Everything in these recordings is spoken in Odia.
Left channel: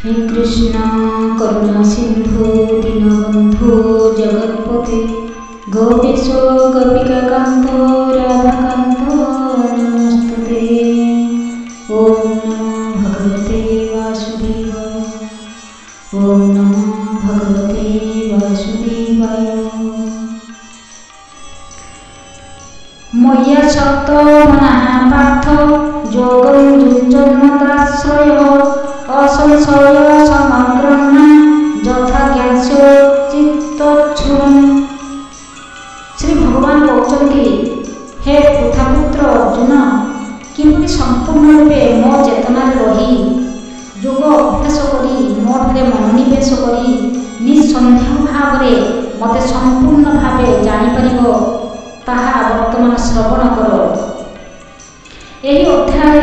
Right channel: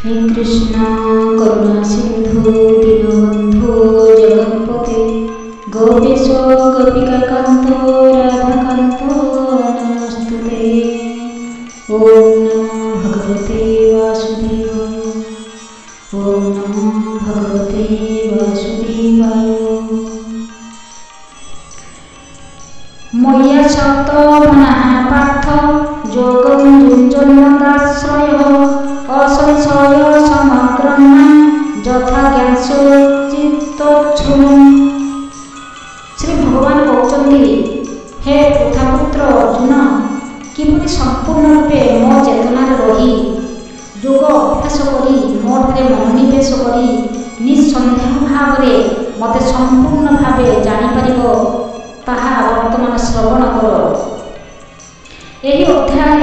हे कृष्ण करुणा सिंधु दीनबंधु जगत्पते गोपेश गोपिका कांत राधाकांत नमस्तुते। ओम नमो भगवते वासुदेवाय। ओम नमो भगवते वासुदेवाय। मय्या सक्त मनः पार्थ योगं युञ्जन्मदाश्रयः असंशय समग्रं यथा ज्ञानस्य चित्तच्छुरम्। श्री भगवान कहते, हे पृथापुत्र अर्जुन, किपरि संपूर्ण रूपे मो चेतनार रही योग अभ्यास करी मोठारे मनोनिवेश करी निसंदेह भाव मते संपूर्ण भावे जानिपारिब ताहा वर्तमान श्रवण कर। एही अध्याय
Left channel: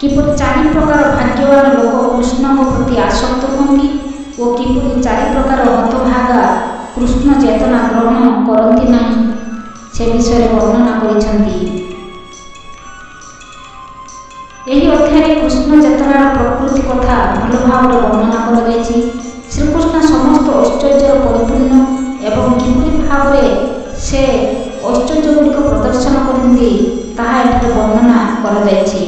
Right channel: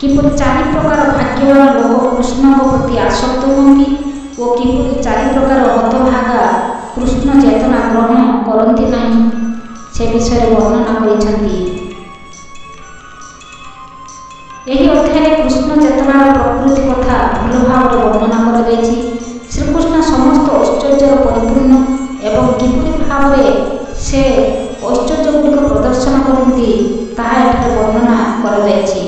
किपरि चारि प्रकार भाग्यवान लोक कृष्ण प्रति आसक्त होती और किपरि चारि प्रकार हतभागा कृष्ण चेतना ग्रहण करती नहीं से विषय वर्णना करिसेंती। एही अध्याय कृष्ण चेतनार प्रकृति कथा भल भाव वर्णना करा जायछि। श्रीकृष्ण समस्त ऐश्वर्यर परिपूर्ण एवं किपरि भाव से ऐश्वर्य गुड़िक प्रदर्शन करती ताहा एठारे वर्णना करा जायछि।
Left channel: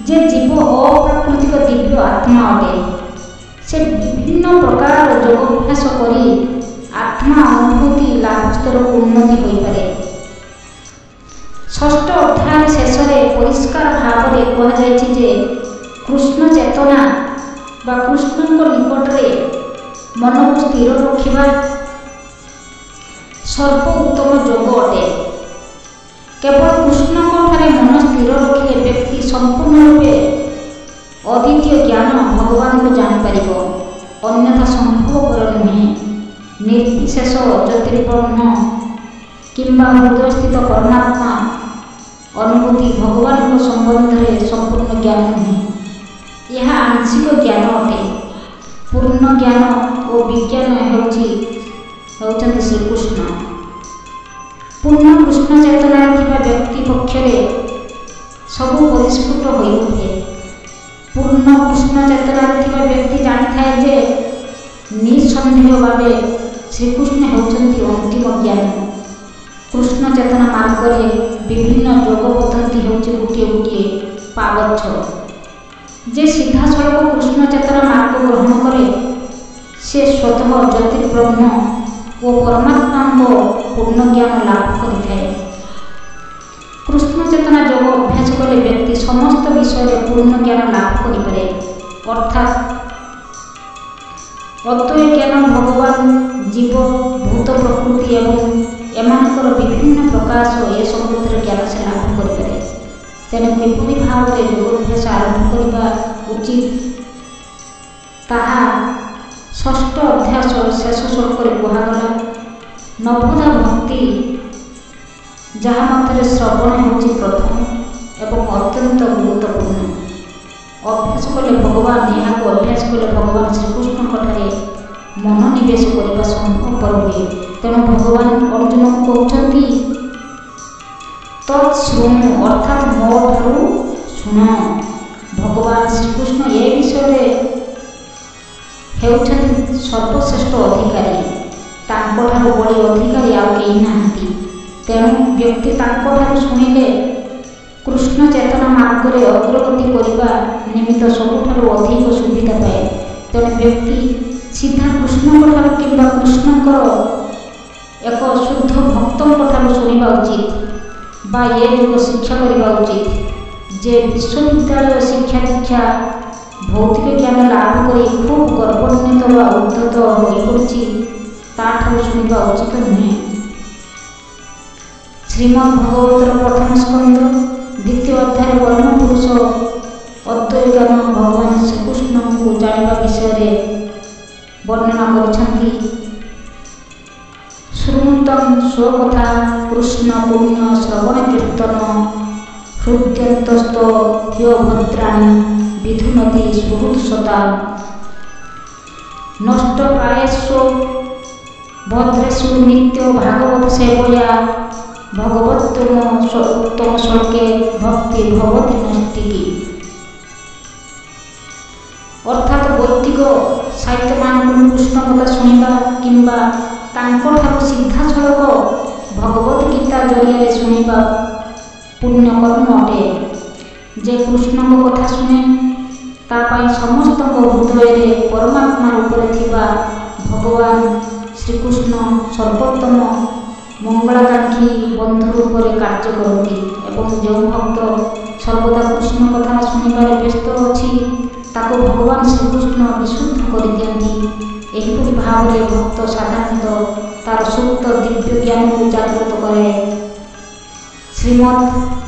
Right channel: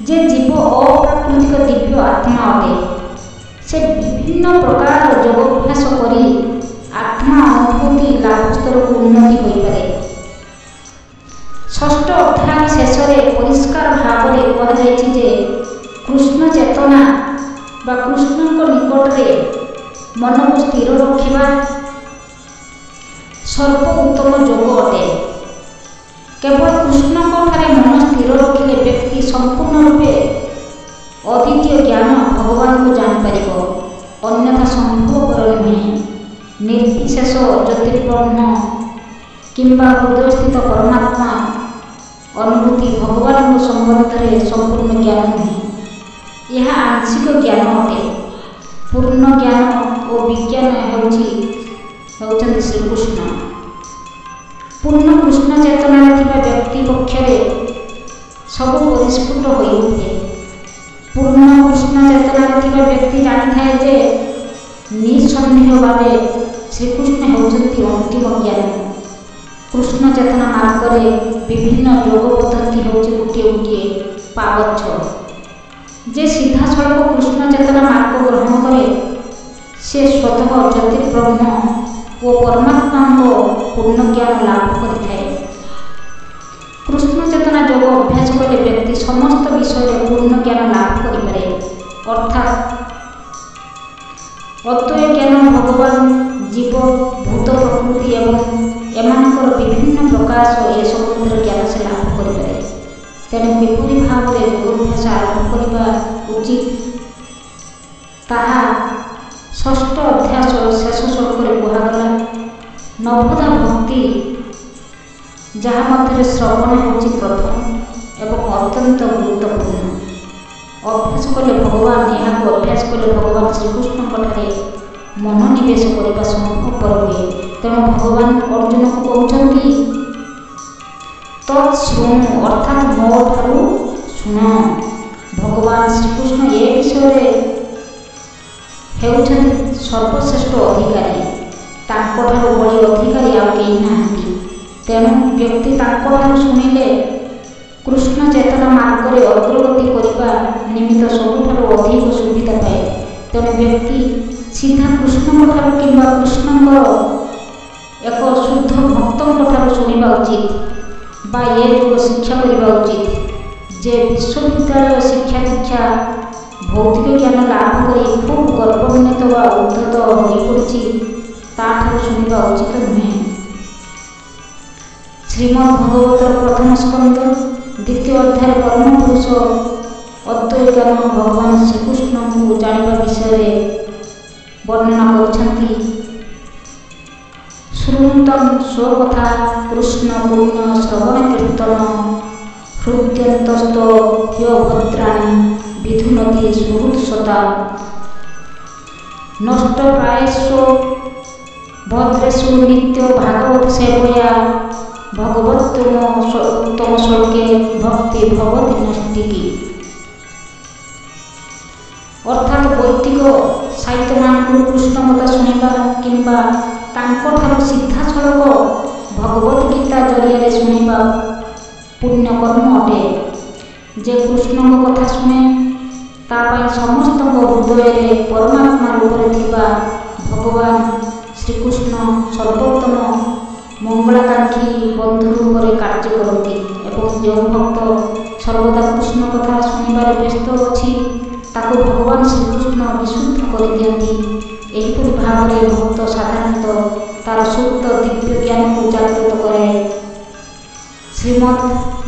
जे जीव अप्राकृतिक दिव्य आत्मा अटे से विभिन्न प्रकार योगाभ्यास करी आत्मा अनुभूति लाभ स्तर को उन्नति हो पारे। षष्ठ अध्याय शेष परिष्कार भाव में कहुଯାଇଛି जे कृष्ण चेतना बा कृष्ण निकट में मन को स्थिर रखिबा सर्वोत्तम योग अटे। केवल कृष्ण ठारे मन स्थिर रखिले व्यक्ति संपूर्ण रूपे अद्वितीय ज्ञान भगवान को जानीपर, अन्यथा संभवपर नुहे। निर्विशेष ज्योतिर्ब्रह्म किंबा हृदय स्थित परमात्मा अनुभूति भगवान संबंध में संपूर्ण ज्ञान नुहे, यह आंशिक ज्ञान अटे। पूर्ण ज्ञान और विज्ञान होउछन्ति श्रीकृष्ण। पूर्ण कृष्ण चेतनार थिबा व्यक्ति पक्षरे सब परिस्फुट हो उठे। पूर्ण कृष्ण चेतनार थिबा व्यक्ति जानी थाए जे निसंदेह भावे श्रीकृष्ण होउछन्ति अंतिम ज्ञान। कृष्ण चेतना मार्ग में विभिन्न योग पद्धति होउछि गोटे गोटे पावच्छ। जे सीधा सड़क कृष्ण चेतना मार्ग ग्रहण करे से स्वतः ज्योतिर्ब्रह्म और परमात्मा को पूर्ण ज्ञान लाभ करिथाए। कृष्ण चेतना योग अभ्यास कले व्यक्ति समस्त विषय पूर्ण ज्ञान लाभ करिपारे, अर्थात अद्वय ज्ञान भगवान जीव भूत प्रकृति एवं एमानकर विभिन्न प्रकाश ए संबंधर ज्ञान से लाभ करिपारे। तेणु किपरि भाव में योगाभ्यास आरंभ करने उचित ताहा षष्ठ अध्याय शेष श्लोक कहगला। नवधा भक्ति जहाँ मध्य श्रवण होछि प्रथम एवं अत्यंत गुरुत्वपूर्ण। अभ्यास कले भगवान यहाँ अभ्यास कले भगवान श्रीकृष्ण ठारे मनोनिवेश करने संभवपर हुए। तेणु भगवान अर्जुन को कहते तत्शृणु, अर्थात मो ठारू शुण। भगवान श्रीकृष्ण ए विषय हेउछन्ति सर्वश्रेष्ठ अधिकारी, तांकोठारु बड़ी अधिकारी आउ केही नाहांती। तेणु व्यक्ति तांकोठारु शुणिले कृष्ण चेतना मार्ग में अग्रगति करने निमित्त सबुठारु अधिक सुविधा पाए। तेणु व्यक्ति सीधा कृष्ण ठारु किंबा कृष्णकर एक शुद्ध भक्तों ठारु शुणिबा उचित बा ये युग शिक्षा करने उचित। जे विश्वविद्यालय शिक्षा दीक्षा भौतिक ज्ञान लाभ करी खूब गर्वान्वित व उद्धत हो पड़ी ताठार शुणा उचित नुहे। श्रीमद्भगवतर प्रथम स्कंद द्वितीय अध्याय परम पुरुष अद्वय ज्ञान भगवान श्रीकृष्ण को जानिबा विषय वर्णना करिसेंति। श्रुतं स्वकथा कृष्ण पुण्य श्रवण कीर्तन हृद्यंतस्त ह्यो भद्राणि विधुनति सुहृत्सता। नष्ट प्रायस्व भद्रेषु नित्य भागवत सेवया भगवत्तम श्लोके भक्ति भवति नष्टिकी। ଅର୍ଥାତ୍ ବୈଦିକ ସାହିତ୍ୟମାନଙ୍କରୁ କୃଷ୍ଣ କଥା ଶୁଣିବା କିମ୍ବା ତାଙ୍କଠାରୁ ସିଧାସଳଖ ଭଗବତ ଗୀତା ଜରିଆରେ ଶୁଣିବା ପୁଣ୍ୟକର୍ମ ଅଟେ। ଯେ କୃଷ୍ଣଙ୍କ କଥା ଶୁଣେ ତା ପାଇଁ ସମସ୍ତଙ୍କ ହୃଦୟରେ ପରମାତ୍ମା ରୂପରେ ଥିବା ଭଗବାନ ଶ୍ରୀକୃଷ୍ଣ ସର୍ବୋତ୍ତମ ମଙ୍ଗଳାକାଂକ୍ଷୀ ବନ୍ଧୁ ରୂପରେ କାର୍ଯ୍ୟ କରନ୍ତି ଏବଂ ଯେଉଁ ଭକ୍ତ ସର୍ବଦା କୃଷ୍ଣ କଥା ଶୁଣିବାରେ ବ୍ୟସ୍ତ ଅଛି ତାକୁ ଭଗବାନ ଶ୍ରୀକୃଷ୍ଣ ବିଶୁଦ୍ଧ କରିଦିଅନ୍ତି। ଏହିପରି ଭାବରେ ଭକ୍ତ ସାଧାରଣତଃ ତାର ସୁପ୍ତ ଦିବ୍ୟ ଜ୍ଞାନକୁ ଜାଗ୍ରତ କରେ। ଶ୍ରୀମଦ୍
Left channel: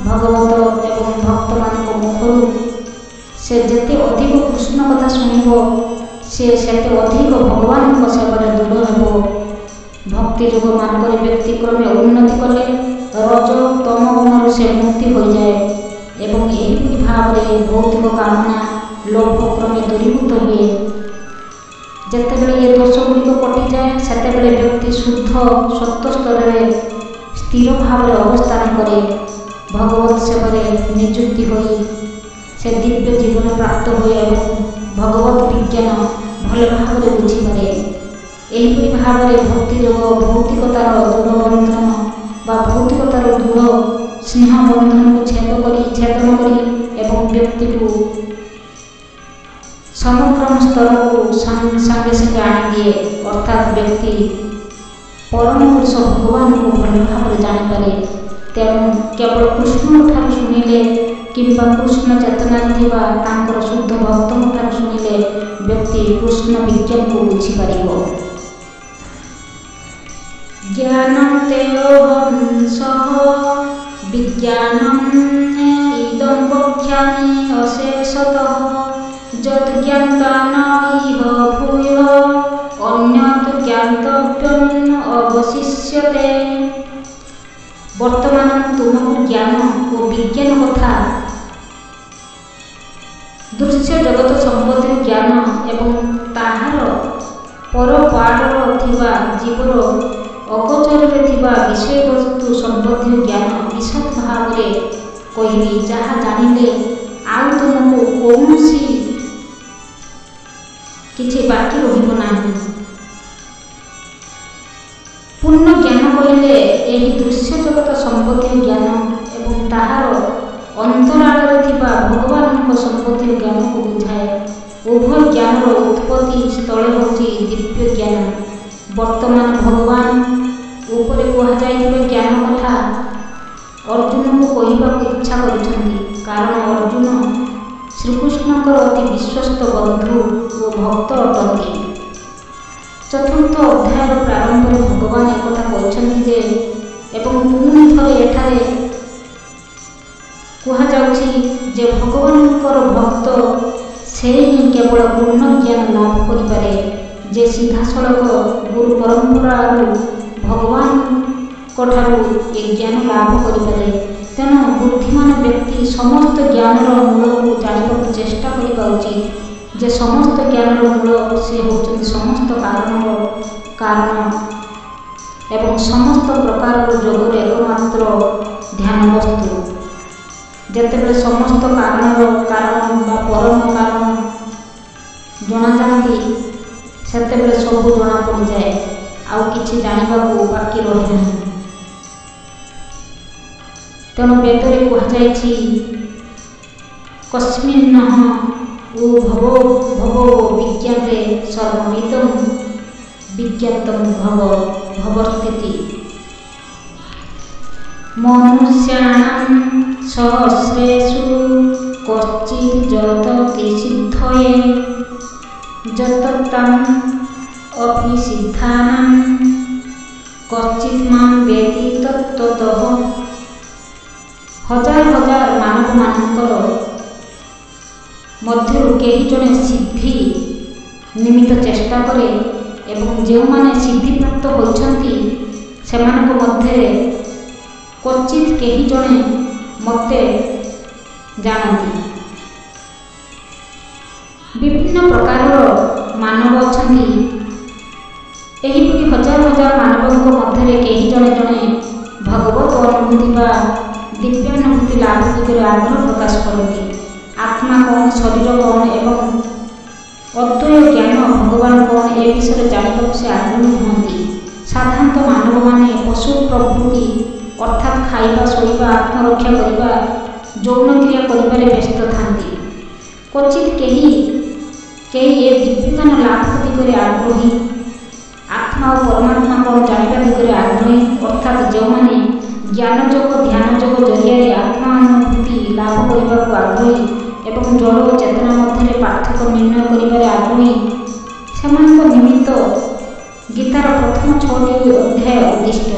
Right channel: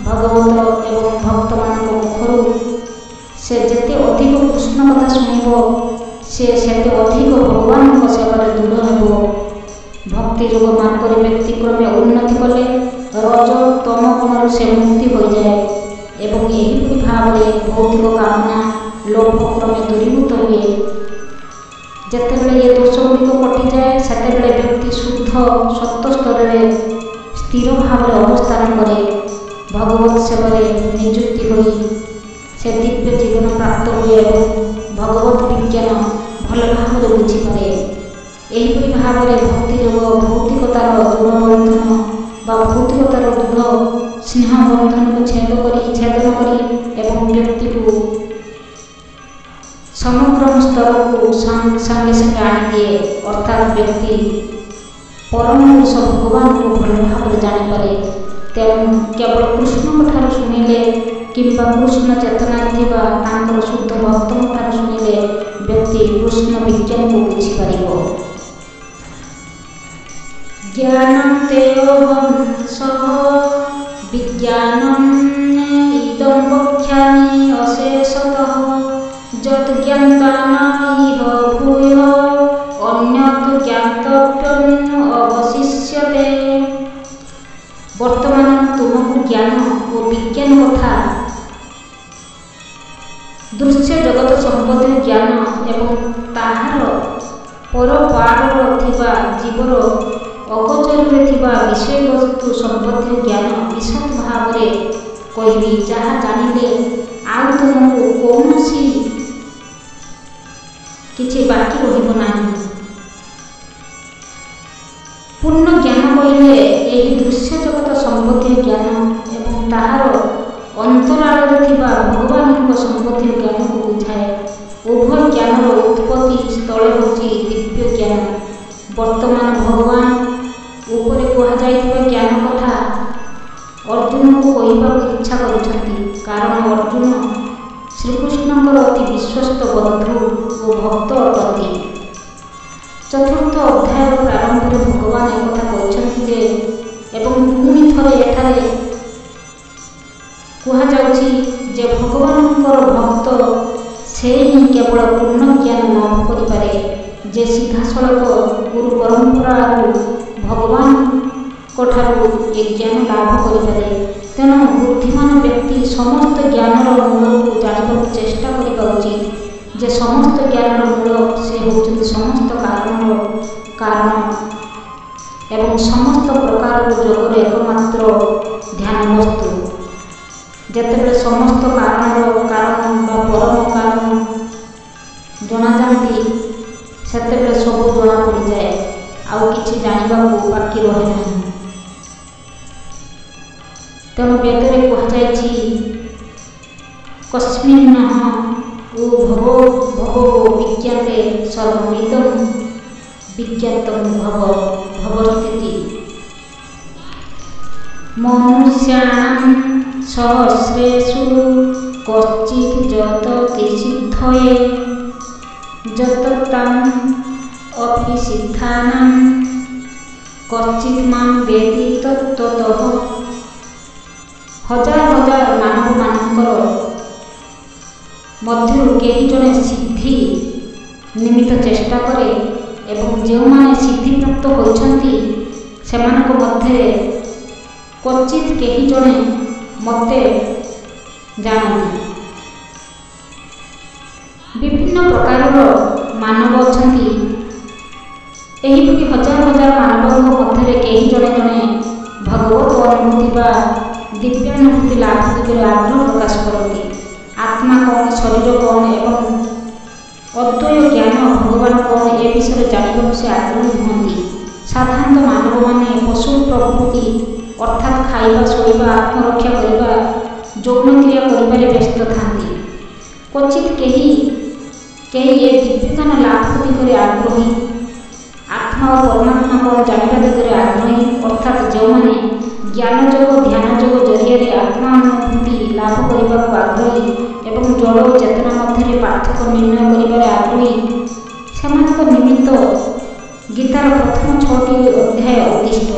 ଭାଗବତ ଏବଂ ଭକ୍ତମାନଙ୍କ ମୁଖରୁ ସେ ଯେତେ ଅଧିକ କୃଷ୍ଣ କଥା ଶୁଣିବ ସେ ସେତେ ଅଧିକ ଭଗବାନଙ୍କ ସେବାରେ ଦୃଢ଼ ହେବ। ଭକ୍ତି ଯୋଗ ମାର୍ଗରେ ବ୍ୟତିକ୍ରମେ ଉନ୍ନତି କଲେ ରଜ ତମ ଗୁଣରୁ ସେ ମୁକ୍ତି ହୋଇଯାଏ ଏବଂ ଏହିପରି ଭାବରେ ଭୌତିକ କାମନା ଲୋଭ କ୍ରମେ ଦୂରୀଭୂତ ହୁଏ। ଯେତେବେଳେ ଏ ଦୋଷଗୁଡ଼ିକ କଟିଯାଏ ସେତେବେଳେ ବ୍ୟକ୍ତି ଶୁଦ୍ଧ ସତ୍ତ୍ୱ ସ୍ତରରେ ସ୍ଥିର ଭାବରେ ଅବସ୍ଥାନ କରେ। ଭଗବତ ସେବାରେ ନିଯୁକ୍ତି ହୋଇ ସେ ଦିବ୍ୟ ଜୀବନ ପ୍ରାପ୍ତ ହୁଏ ଏବଂ ଭଗବତ ବିଜ୍ଞାନ ଭଲ ଭାବରେ ବୁଝିପାରେ। ଏହିପରି ଭାବରେ ଭକ୍ତି ଯୋଗ ଭୌତିକତାର ଦୃଢ଼ ବନ୍ଧନ ବା ଭୌତିକତାର ଦୃଢ଼ ସ୍ନେହ ବନ୍ଧନକୁ ଛେଦନ କରି ଏବଂ ବ୍ୟକ୍ତିକୁ ସମଗ୍ର ସ୍ତରକୁ ସାଙ୍ଗେ ସାଙ୍ଗେ ଆଣିଦିଏ। ଅର୍ଥାତ୍ ବ୍ୟକ୍ତି ପରମ ପୁରୁଷ ଭଗବାନଙ୍କୁ ଭଲ ଭାବରେ ଜାଣିପାରେ। ତେଣୁ କେବଳ କୃଷ୍ଣଙ୍କଠାରୁ ଶୁଣିଲେ କିମ୍ବା କୃଷ୍ଣ ଚେତନାରେ ଥିବା ତାଙ୍କର ଶୁଦ୍ଧ ଭକ୍ତଙ୍କଠାରୁ ଶୁଣିଲେ ବ୍ୟକ୍ତି କୃଷ୍ଣ ବିଜ୍ଞାନକୁ ବୁଝିପାରିବ। ଜ୍ଞାନଂ ତେୟୋହଂ ସହ ବିଜ୍ଞାନଂ ଇଦଂ ବକ୍ଷ୍ୟାମି ଅଶେଷତଃ ଯତ୍ ଜ୍ଞାତ୍ୱା ନ ଇହ ଭୂୟଃ ଅନ୍ୟତ୍ ଜ୍ଞାତବ୍ୟଂ ଅବଶିଷ୍ୟତେ। ବର୍ତ୍ତମାନ ତୁମକୁ ଜ୍ଞାନ ଓ ବିଜ୍ଞାନ କଥା ଦୃଶ୍ୟ ଜଗତ ସମ୍ବନ୍ଧୀୟ ଜ୍ଞାନ ଏବଂ ତାହାର ପରପାରର ଥିବା ଜୀବର ଅଗୋଚରରେ ଥିବା ବିଷୟବସ୍ତୁ ସମ୍ବନ୍ଧୀୟ ଜ୍ଞାନ ବିଶଦ ଭାବରେ କହିବି, ଯାହା ଜାଣିଲେ ଆଉ ତୁମକୁ କୌଣସି କିଛି ବାକି ରହିବ ନାହିଁ। ପୂର୍ଣ୍ଣ ଜ୍ଞାନ କହିଲେ ଏହି ଦୃଶ୍ୟ ଜଗତ ସମ୍ବନ୍ଧୀୟ ଜ୍ଞାନ ଏବଂ ତାହାର ଅନ୍ତରାଳରେ ଥିବା ଭଗବାନଙ୍କ ସମ୍ବନ୍ଧୀୟ ଜ୍ଞାନକୁ ବୁଝାଏ। ଉଭୟ ଜ୍ଞାନର ଉତ୍ପତ୍ତି ସ୍ଥଳ ହେଉଛି ଦିବ୍ୟ ଜ୍ଞାନ। ବର୍ତ୍ତମାନ ଭଗବାନ ଉପରେ କୁହାଯାଇଥିବା ଜ୍ଞାନ କଥା ଅର୍ଜୁନକୁ କହିବାକୁ ଇଚ୍ଛା କରିଛନ୍ତି, କାରଣ ଅର୍ଜୁନ ଶ୍ରୀକୃଷ୍ଣଙ୍କର ଅତି ବିଶ୍ୱସ୍ତ ବନ୍ଧୁ ଓ ଭକ୍ତ ଅଟନ୍ତି। ଚତୁର୍ଥ ଅଧ୍ୟାୟର ପ୍ରାରମ୍ଭରେ ଭଗବାନ ଏକଥା କହିଛନ୍ତି ଯେ ଏବଂ ପୁଣି ଥରେ ଏଠାରେ କୁହାଯାଉଛି ଯେ ଭଗବାନଙ୍କର ଭକ୍ତ ସେ ହିଁ କେବଳ ପୂର୍ଣ୍ଣ ଜ୍ଞାନ ଲାଭ କରିପାରେ ଯେ ସିଧାସଳଖ ଗୁରୁ ପରମ୍ପରାରୁ ଭଗବାନଙ୍କଠାରୁ ଏ ଜ୍ଞାନ ଲାଭ କରିପାରେ। ତେଣୁ ବୁଦ୍ଧିମାନ ବ୍ୟକ୍ତି ସମସ୍ତ ଜ୍ଞାନର ମୂଳକୁ ଜାଣିବାକୁ ଚେଷ୍ଟା କରିବା ଉଚିତ ଯେ ସମସ୍ତ ଜ୍ଞାନର ମୂଳ ସେ ହେଉଛନ୍ତି ସମସ୍ତ କାରଣର କାରଣ ଏବଂ ସମସ୍ତ ପ୍ରକାରର ଯୋଗର ଏକମାତ୍ର ଧ୍ୟାନ ବସ୍ତୁ। ଯେତେବେଳେ ସମସ୍ତ କାରଣର କାରଣ ବା ପରମ କାରଣ ଜଣାଯାନ୍ତି ସେତେବେଳେ ସବୁ ଜଣାପଡ଼ିଯାଏ, ଆଉ କିଛି ଜାଣିବାକୁ ବାକି ରହେ ନାହିଁ। ତେଣୁ ବେଦରେ କୁହାଯାଇଛି କସ୍ମିନ୍ନଃ ଓ ଭବ ବିଜ୍ଞାତେ ସର୍ବମିଦଂ ବିଜ୍ଞାତଂ ଭବସ୍ଥିତି। ମନୁଷ୍ୟାଣାଂ ସହସ୍ରେଷୁ କଶ୍ଚିତ୍ ଯତତି ସିଦ୍ଧये ଯତତାଂ ଅପି ସିଦ୍ଧାନାଂ କଶ୍ଚିତ୍ ମାଂ ବେଦି ତତ୍ତ୍ୱତଃ। ହଜାର ହଜାର ମାନବମାନଙ୍କର ମଧ୍ୟରୁ କେହି ଜଣେ ସିଦ୍ଧି ନିମିତ୍ତ ଚେଷ୍ଟା କରେ ଏବଂ ଯେଉଁମାନେ ସିଦ୍ଧିପ୍ରାପ୍ତ ହୋଇଛନ୍ତି ସେମାନଙ୍କ ମଧ୍ୟରେ କ୍ୱଚିତ୍ କେହି ଜଣେ ମୋତେ ଜାଣନ୍ତି। ବିଭିନ୍ନ ପ୍ରକାରର ମାନବ ଅଛନ୍ତି। ଏହିପରି ହଜାର ହଜାର ମାନବଙ୍କ ମଧ୍ୟରେ କେହି ଜଣେ ଜଣେ ଭଗବତ ଅନୁଭୂତି ବା ଦିବ୍ୟାନୁଭୂତି ଲାଭ ଦିଗରେ ଆଗ୍ରହ ପ୍ରକାଶ କରନ୍ତି। ଆତ୍ମା କ'ଣ, ଶରୀର କ'ଣ ଏବଂ ଅଦ୍ୱୟ ଜ୍ଞାନ ଭଗବାନ କ'ଣ ଏ ବିଷୟରେ ଜାଣିବାକୁ ସେ ଆଗ୍ରହୀ ହୁଅନ୍ତି। ସାଧାରଣତଃ ମାନବମାନେ ପଶୁ ପ୍ରବୃତ୍ତି ଅର୍ଥାତ୍ ଖାଇବା, ଶୋଇବା, ଆତ୍ମରକ୍ଷା କରିବା, ଯୌନ କ୍ରିୟା କରିବାରେ ବ୍ୟସ୍ତ ଥାନ୍ତି। କ୍ୱଚିତ୍ କେହି ଏ ଦିବ୍ୟଜ୍ଞାନ ଲାଭ ଦିଗରେ ଆଗ୍ରହୀ, ଆତ୍ମା ଓ ପରମାତ୍ମା କ'ଣ ଜାଣିବା ଦିଗରେ ଆଗ୍ରହୀ, ଅର୍ଥାତ୍ ଯେଉଁମାନେ ଜ୍ଞାନ ଯୋଗ, ଧ୍ୟାନ ଯୋଗ ଜରିଆରେ ଆତ୍ମାନୁଭୂତି ଲାଭ କରିବାକୁ ଆଗ୍ରହୀ ଏବଂ ଜଡ଼ ଓ ଚେତନା ମଧ୍ୟରେ ପାର୍ଥକ୍ୟ ନିର୍ଣ୍ଣୟ କରିବାରେ ଆଗ୍ରହୀ, ସେମାନଙ୍କ ନିମିତ୍ତ ଗୀତାର ପ୍ରଥମ 6ଟି ଅଧ୍ୟାୟ ଉଦ୍ଦିଷ୍ଟ।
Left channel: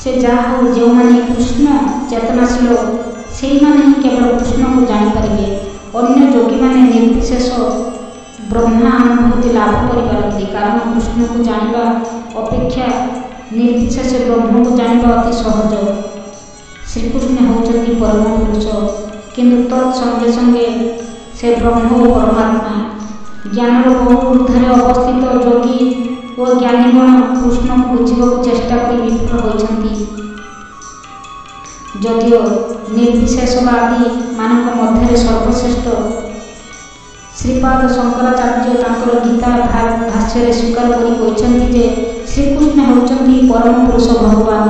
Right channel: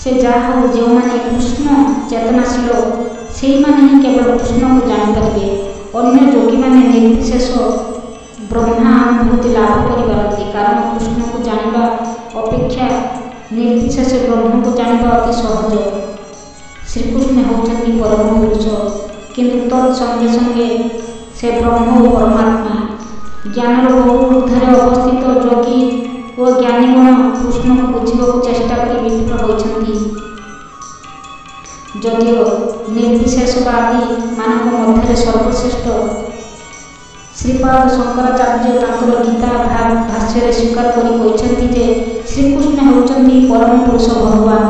ସେ ଯାହା ହେଉ, ଯେଉଁମାନେ କୃଷ୍ଣ ଚେତନାଶୀଳ ସେଇମାନେ ହିଁ କେବଳ କୃଷ୍ଣକୁ ଜାଣିପାରିବେ। ଅନ୍ୟ ଯୋଗୀମାନେ ନିର୍ବିଶେଷ ବ୍ରହ୍ମାନୁଭୂତି ଲାଭ କରିପାରନ୍ତି, କାରଣ କୃଷ୍ଣକୁ ଜାଣିବା ଅପେକ୍ଷା ନିର୍ବିଶେଷ ବ୍ରହ୍ମକୁ ଜାଣିବା ଅତି ସହଜ। ଶ୍ରୀକୃଷ୍ଣ ହେଉଛନ୍ତି ପରମ ପୁରୁଷ, କିନ୍ତୁ ତତ୍ ସଙ୍ଗେ ସଙ୍ଗେ ସେ ବ୍ରହ୍ମ ଓ ପରମାତ୍ମା। ଜ୍ଞାନର ବହୁ ଊର୍ଦ୍ଧ୍ୱରେ ଅବସ୍ଥିତ ଯୋଗୀ ଓ ଜ୍ଞାନୀଗଣ କୃଷ୍ଣକୁ ବୁଝିବାକୁ ଚେଷ୍ଟା କରି ବିଫଳ ହୋଇଛନ୍ତି। ଯଦିଓ ନିର୍ବିଶେଷବାଦୀମାନଙ୍କ ମଧ୍ୟରେ ସର୍ବଶ୍ରେଷ୍ଠ ଶ୍ରୀପାଦ ଶଙ୍କରାଚାର୍ଯ୍ୟ ତାଙ୍କର ଗୀତା ଭାଷ୍ୟରେ ସ୍ୱୀକାର କରି କହିଛନ୍ତି ଯେ ଶ୍ରୀକୃଷ୍ଣ ହେଉଛନ୍ତି ପରମ ପୁରୁଷ ଭଗବାନ,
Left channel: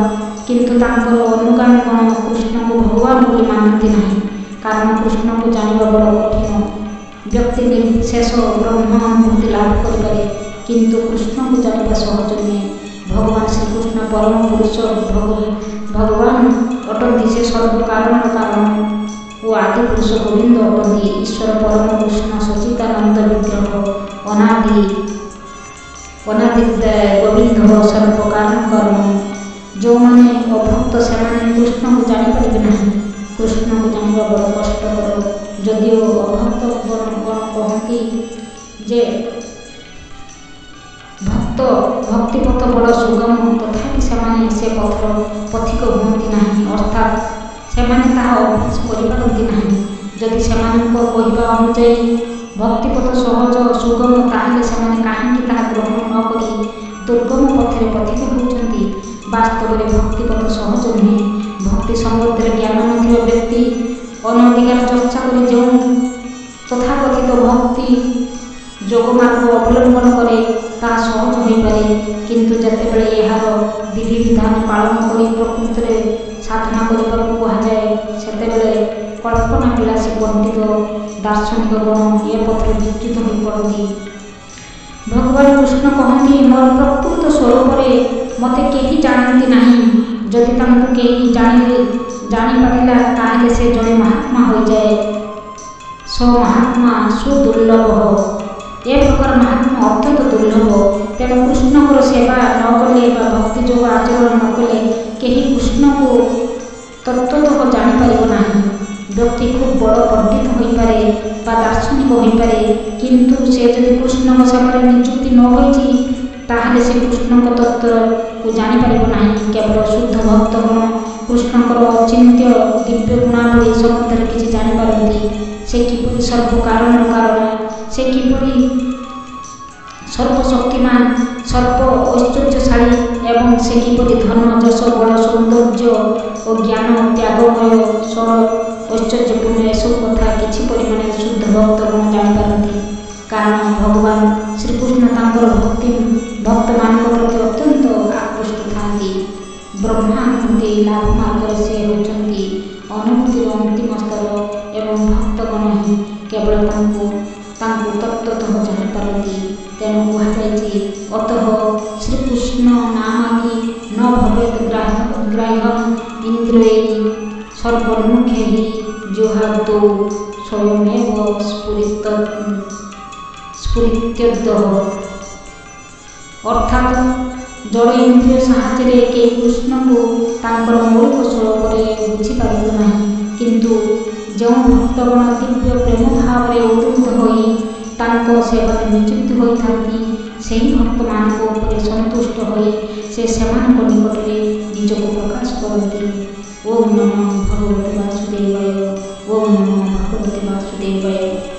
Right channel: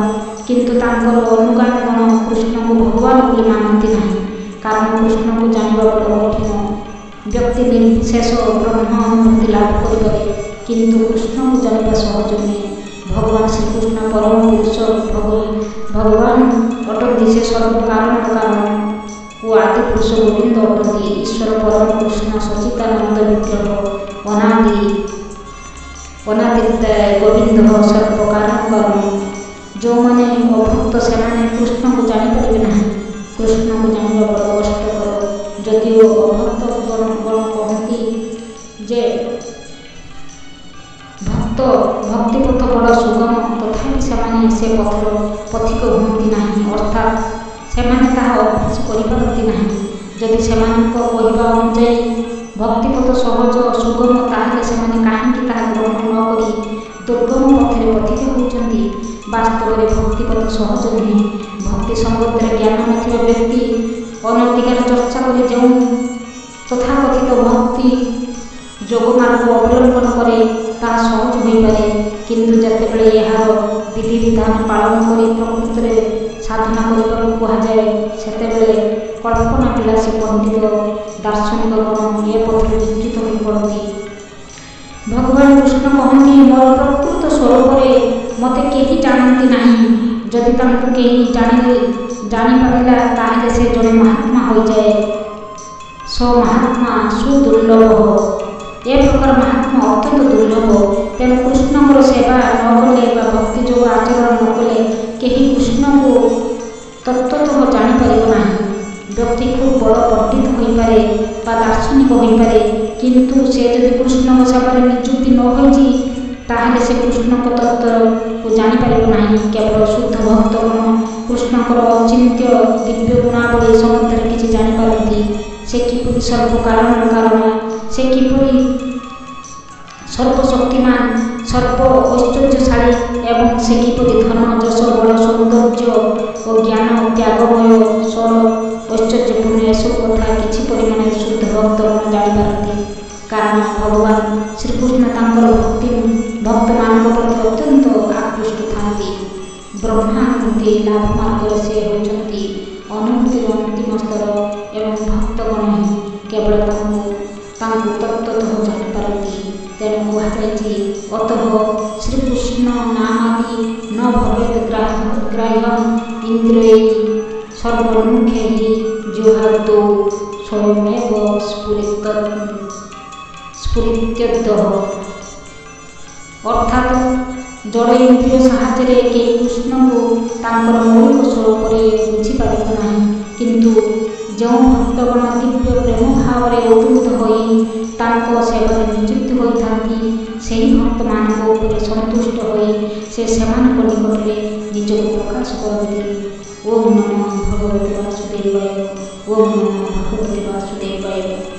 କିନ୍ତୁ ତାଙ୍କର ଅନୁଗାମୀଗଣ କୃଷ୍ଣଙ୍କୁ ଭଗବାନ ବୋଲି ମାନନ୍ତି ନାହିଁ, କାରଣ କୃଷ୍ଣକୁ ଜାଣିବା ବଡ଼ କଠିନ। ବ୍ୟକ୍ତି ନିର୍ବିଶେଷ ବ୍ରହ୍ମ ଅନୁଭୂତି ଲାଭ କରିପାରେ, କିନ୍ତୁ କୃଷ୍ଣକୁ ଜାଣିବା ସହଜ ନୁହେଁ। ଭଗବାନ ଶ୍ରୀକୃଷ୍ଣ ପରମ ପୁରୁଷ ଭଗବାନ ଅଟନ୍ତି। ସେ ସର୍ବକାରଣର କାରଣ ଓ ଆଦି ପୁରୁଷ ଗୋବିନ୍ଦ ଅଟନ୍ତି। ଈଶ୍ୱର ପରମ କୃଷ୍ଣ ସଚ୍ଚିଦାନନ୍ଦ ବିଗ୍ରହ ଅନାଦି ଗୋବିନ୍ଦ ସର୍ବକାରଣ କାରଣ। ଯେଉଁମାନେ ଅଭକ୍ତ ସେମାନେ କୃଷ୍ଣକୁ ଜାଣିପାରିବେ ନାହିଁ। କୃଷ୍ଣକୁ ଜାଣିବା ବଡ଼ କଷ୍ଟକର। ଯଦିଓ ଅଭକ୍ତ ଗଣ କହନ୍ତି ଯେ ଭକ୍ତିପଥ ବଡ଼ ସୁଗମ, ତଥାପି ସେମାନେ ସେ ପଥର ପଥିକ ହୁଅନ୍ତି ନାହିଁ, ଅର୍ଥାତ୍ ସେମାନେ ତାହା ଅଭ୍ୟାସ କରିପାରନ୍ତି ନାହିଁ। ଯଦି ସେମାନଙ୍କ କହିବା ଅନୁଯାୟୀ ଭକ୍ତିପଥ ସହଜ ସୁଗମ, ତାହେଲେ ସେମାନେ କାହିଁକି ତାହା ଗ୍ରହଣ ନ କରି ଦୁର୍ଗମ ପଥରେ ପଥିକ ହେଉଛନ୍ତି? ବାସ୍ତବରେ ଭକ୍ତିପଥ ସହଜ ନୁହେଁ। ଭକ୍ତି ସମ୍ବନ୍ଧରେ ଜ୍ଞାନ ନଥିବା ବ୍ୟକ୍ତି ଅନଧିକାର ଚର୍ଚ୍ଚା କରି ଯେଉଁ ତଥାକଥିତ ଭକ୍ତି ଯୋଗମାର୍ଗ ଅବଲମ୍ବନ କରେ ତାହା ସହଜ ହୋଇପାରେ, କିନ୍ତୁ ଯେତେବେଳେ ଏହାର ବିଧିବିଧାନ ପାଳନ କରି ପ୍ରକୃତରେ ସାଧନା କରିବାକୁ କୁହାଯାଏ, ସେତେବେଳେ କଳ୍ପନା ବିଳାସୀ ପଣ୍ଡିତ ଦାର୍ଶନିକଗଣ ଏ ପଥରେ ବିଚ୍ୟୁତ ହୋଇ ପଡ଼ନ୍ତି। ଭଗବାନ କୃଷ୍ଣ କହନ୍ତି, ମୋର ପ୍ରକୃତ ସ୍ୱରୂପରେ ମୋତେ କେହି ଜାଣନ୍ତି ନାହିଁ। ଯଦି ତାଙ୍କୁ କେହି ଜାଣିପାରିଲା ତାହେଲେ ସେ ଜଣେ ମହାତ୍ମା ହୋଇଯାଏ। ମହାତ୍ମା ସୁଦୁର୍ଲଭ। ଏ ପ୍ରକାର ମହାତ୍ମା ଅତ୍ୟନ୍ତ ଦୁର୍ଲଭ। ତେଣୁ କୃଷ୍ଣଙ୍କର ସେବା ନ କଲେ ବା ଭକ୍ତି ଯୋଗ ଆଚରଣ ନ କଲେ କେହି କୃଷ୍ଣକୁ ତତ୍ତ୍ୱତଃ ଜାଣିପାରିବ ନାହିଁ। ବ୍ୟକ୍ତି ଖୁବ୍ ବଡ଼ ପଣ୍ଡିତ ହୋଇପାରେ ବା ଦାର୍ଶନିକ ହୋଇପାରେ, କିନ୍ତୁ ସେ ଯଦି କୃଷ୍ଣଙ୍କ ସେବାରେ ନିଯୁକ୍ତି ନ ହୋଇଛି ତାହେଲେ ସେ କୃଷ୍ଣଙ୍କ ତତ୍ତ୍ୱକୁ ଜାଣିପାରିବ ନାହିଁ। କେବଳ ଶୁଦ୍ଧ ଭକ୍ତଗଣ କୃଷ୍ଣଙ୍କର ଅଚିନ୍ତ୍ୟ ଦିବ୍ୟ ଗୁଣାବଳୀ ସମ୍ବନ୍ଧରେ କିଛି ଜାଣିପାରନ୍ତି। ସେ କିପରି ସର୍ବକାରଣର କାରଣ, ସେ କିପରି ସର୍ବଶକ୍ତିମାନ, ସର୍ବ ଐଶ୍ୱର୍ଯ୍ୟଶାଳୀ ଏବଂ ସେ କିପରି ଧନ, ଯଶ, ବଳ, ସୌନ୍ଦର୍ଯ୍ୟ ଓ ଜ୍ଞାନ ତ୍ୟାଗମୟ, ଷଡ଼ ଐଶ୍ୱର୍ଯ୍ୟପୂର୍ଣ୍ଣ, ଏସବୁ କଥା କିଛି ପରିମାଣରେ ଶୁଦ୍ଧ ଭକ୍ତଗଣ ଜାଣିପାରନ୍ତି। କାରଣ ଭଗବାନ ଶ୍ରୀକୃଷ୍ଣ ତାଙ୍କର ଭକ୍ତମାନଙ୍କ ପ୍ରତି ଅତ୍ୟନ୍ତ ଆକୃଷ୍ଟ ଥାନ୍ତି। ବ୍ରହ୍ମାନୁଭୂତି ଲାଭ ମାର୍ଗରେ ସେ ହେଉଛନ୍ତି ଅନୁଭୂତିର ଅନ୍ତିମ ସ୍ତର ଏବଂ ଭକ୍ତଗଣ ହିଁ କେବଳ ତାଙ୍କୁ ତତ୍ତ୍ୱତଃ ଜାଣିପାରନ୍ତି। ତେଣୁ କୁହାଯାଇଛି, ଅତଃ ଶ୍ରୀକୃଷ୍ଣ ନାମାଦି ନ ଭବେତ୍ ଗ୍ରାହ୍ୟଂ ଇନ୍ଦ୍ରିୟୈଃ ସର୍ବନ୍ମୁଖୈଃ ଜିହ୍ୱାଦୌ ସ୍ୱୟମେବ ସ୍ଫୁରିତ୍ୟଦଃ। ଅର୍ଥାତ୍ ଜଡ଼ ଇନ୍ଦ୍ରିୟ ସାହାଯ୍ୟରେ କେହି କୃଷ୍ଣଙ୍କୁ ତାଙ୍କର ମୌଳିକ ସ୍ୱରୂପରେ ବୁଝିପାରିବ ନାହିଁ, କିନ୍ତୁ ଯେଉଁ ଭକ୍ତଗଣ ଦିବ୍ୟ ପ୍ରେମ ଭାବରେ ଉଦ୍ବୁଦ୍ଧ ହୋଇ ତାଙ୍କ ସେବାରେ ନିଯୁକ୍ତ ହୋଇଥାନ୍ତି, ସେହି ଭକ୍ତମାନଙ୍କ ଉପରେ ସନ୍ତୁଷ୍ଟ ହୋଇ ସେ ସେମାନଙ୍କ ନିକଟରେ ନିଜକୁ ପ୍ରକାଶ କରନ୍ତି। ଓಂ ନମଃ ଭଗବତେ ବାସୁଦେବାୟ। ଓಂ ନମଃ ଭଗବତେ ବାସୁଦେବାୟ।